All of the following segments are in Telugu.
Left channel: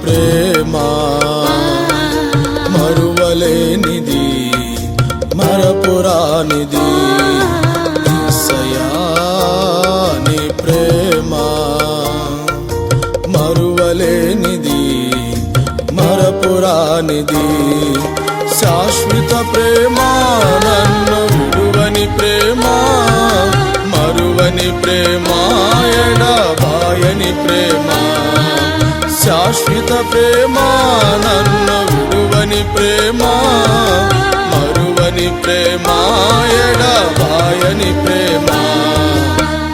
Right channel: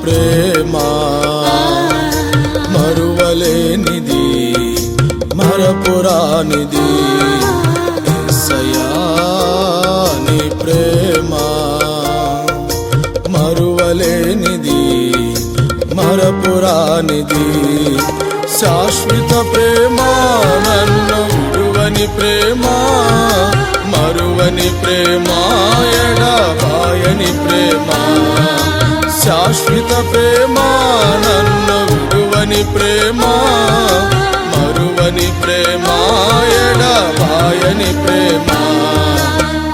ప్రేమ మరువలేనిది మరపురానిది యేసయ్యా నీ ప్రేమ మరువలేనిది మరపురానిది శాశ్వత ప్రేమ నన్ను విడువని ప్రేమ మరువని ప్రేమ ఎడబాయని ప్రేమ శాశ్వత ప్రేమ నన్ను విడువని ప్రేమ మరువని ప్రేమ ఎడబాయని ప్రేమ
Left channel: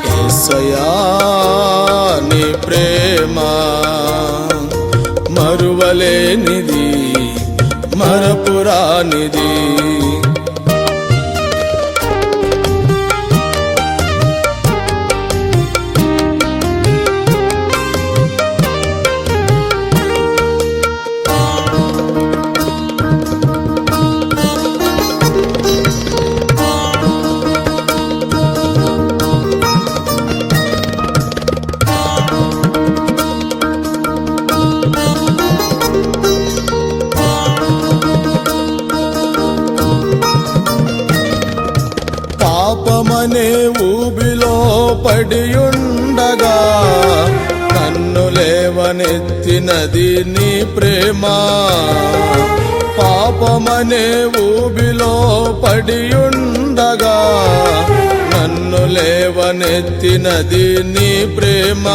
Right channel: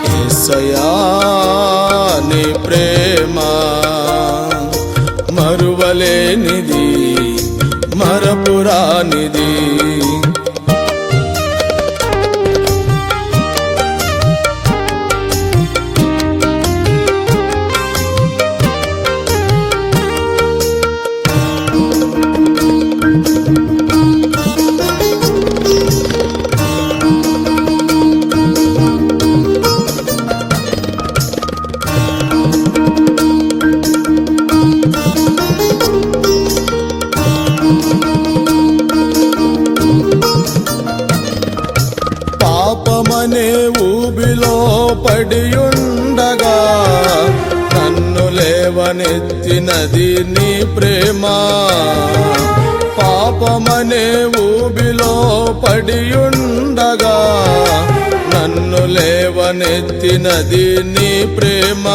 యేసయ్యా నీ ప్రేమ మరువలేనిది మరపురానిది పాపమనే ఊబిలో పడియుండగా నన్ను లేవనెత్తినది నీ ప్రేమ పాపమనే ఊబిలో పడియుండగా నన్ను లేవనెత్తినది నీ ప్రేమ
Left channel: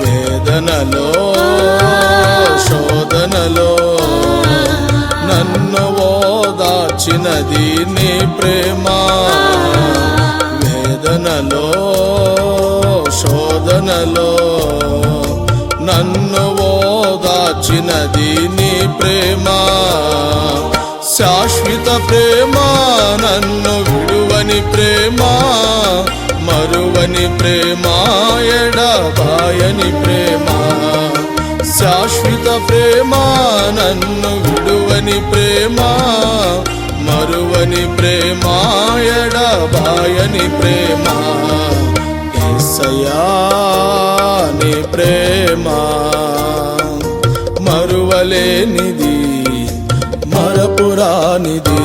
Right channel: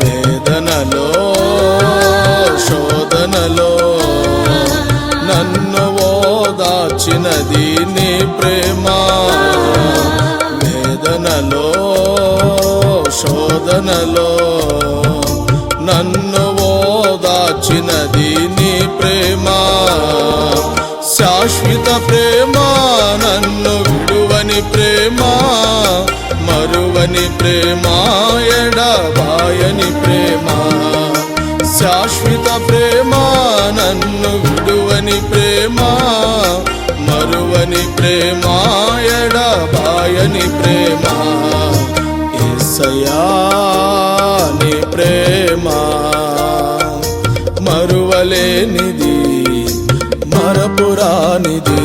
వేదనలో శోధనలో నన్ను ఓదార్చినది నీ ప్రేమ వేదనలో శోధనలో నన్ను ఓదార్చినది నీ ప్రేమ శాశ్వత ప్రేమ నన్ను విడువని ప్రేమ మరువని ప్రేమ ఎడబాయని ప్రేమ శాశ్వత ప్రేమ నన్ను విడువని ప్రేమ మరువని ప్రేమ ఎడబాయని ప్రేమ యేసయ్యా నీ ప్రేమ మరువలేనిది మరపురానిది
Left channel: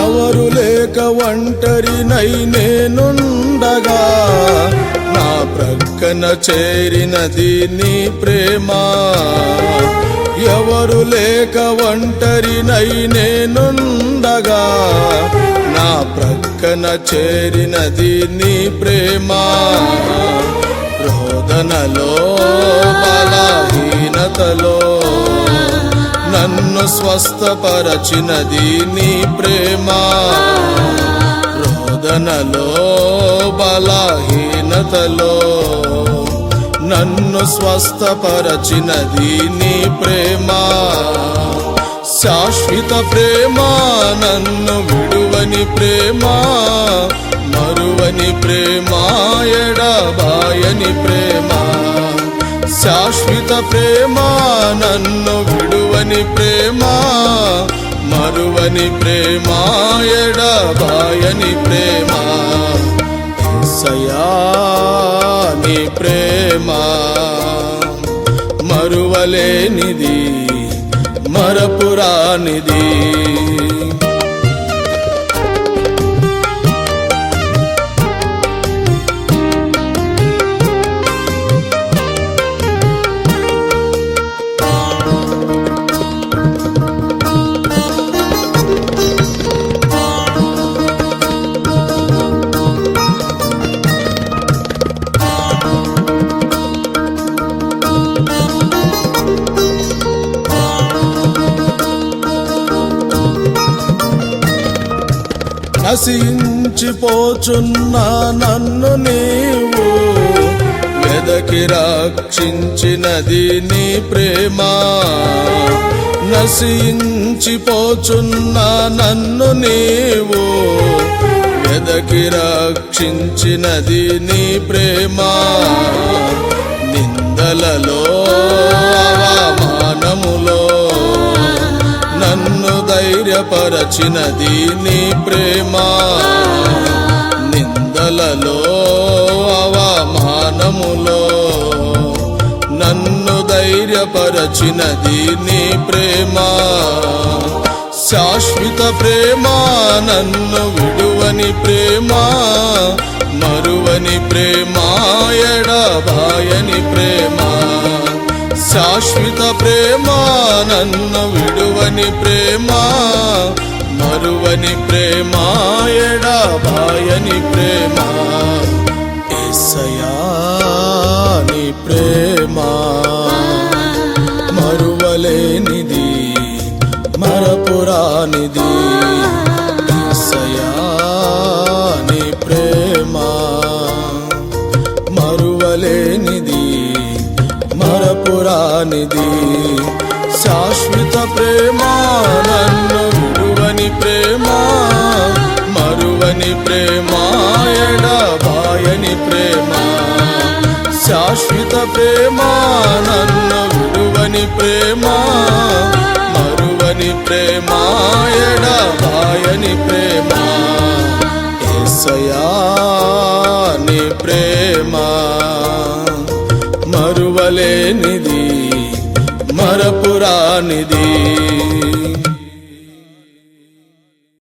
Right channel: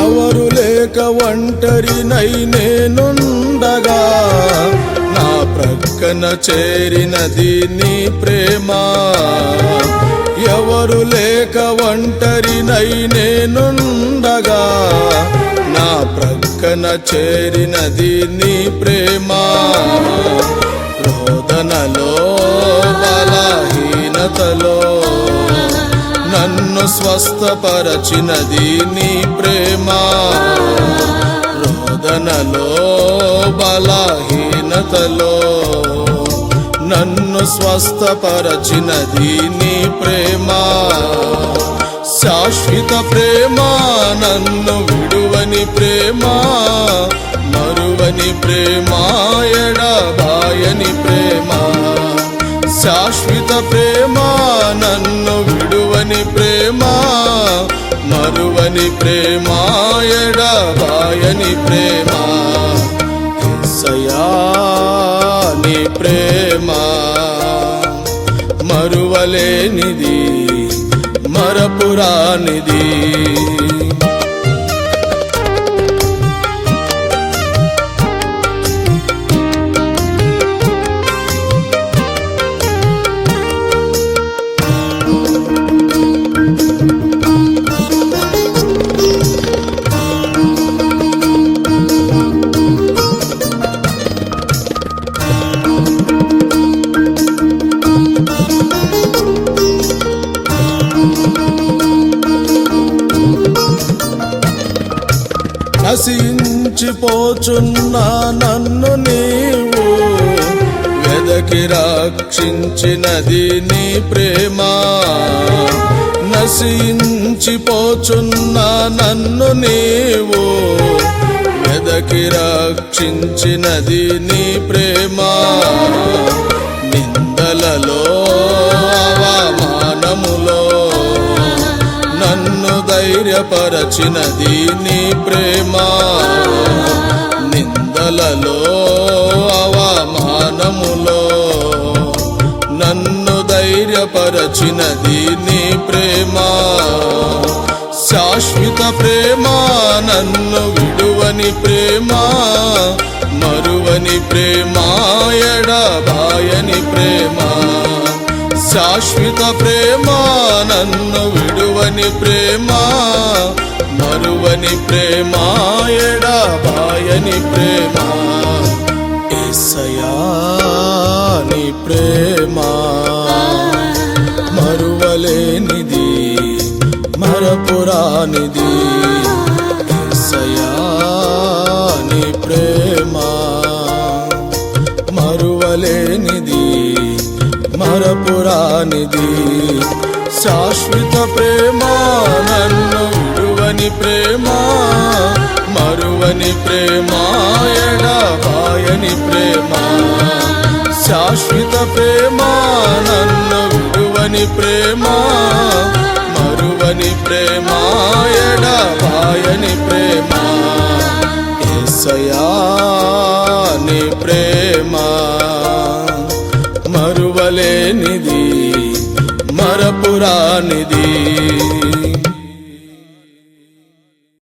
ఎవరు లేక ఒంటరినై నేనుండగా నా ప్రక్కన చేరినది నీ ప్రేమ ఎవరు లేక ఒంటరినై నేనుండగా నా ప్రక్కన చేరినది నీ ప్రేమ రోదనలో బలహీనతలో నన్ను స్వస్థపరచినది నీ ప్రేమ రోదనలో బలహీనతలో నన్ను స్వస్థపరచినది నీ ప్రేమ శాశ్వత ప్రేమ నన్ను విడువని ప్రేమ మరువని ప్రేమ ఎడబాయని ప్రేమ శాశ్వత ప్రేమ నన్ను విడువని ప్రేమ మరువని ప్రేమ ఎడబాయని ప్రేమ యేసయ్యా నీ ప్రేమ మరువలేనిది మరపురానిది నశించిపోచున్న నన్ను నీవు వెదకి రక్షించినది నీ ప్రేమ. నశించిపోచున్న నన్ను నీవు వెదకి రక్షించినది నీ ప్రేమ. నిందలలో అవమానములో నన్ను ధైర్యపరచినది నీ ప్రేమ. నిందలలో అవమానములో నన్ను ధైర్యపరచినది నీ ప్రేమ. శాశ్వత ప్రేమ, నన్ను విడువని ప్రేమ, మరువని ప్రేమ, ఎడబాయని ప్రేమ. శాశ్వత ప్రేమ, నన్ను విడువని ప్రేమ, మరువని ప్రేమ, ఎడబాయని ప్రేమ. యేసయ్యా నీ ప్రేమ మరువలేనిది, మరపురానిది. యేసయ్యా నీ ప్రేమ మరువలేనిది, మరపురానిది. శాశ్వత ప్రేమ, నన్ను విడువని ప్రేమ, మరువని ప్రేమ, ఎడబాయని ప్రేమ. శాశ్వత ప్రేమ, నన్ను విడువని ప్రేమ, మరువని ప్రేమ, ఎడబాయని ప్రేమ. యేసయ్యా నీ ప్రేమ మరువలేనిది, మరపురానిది.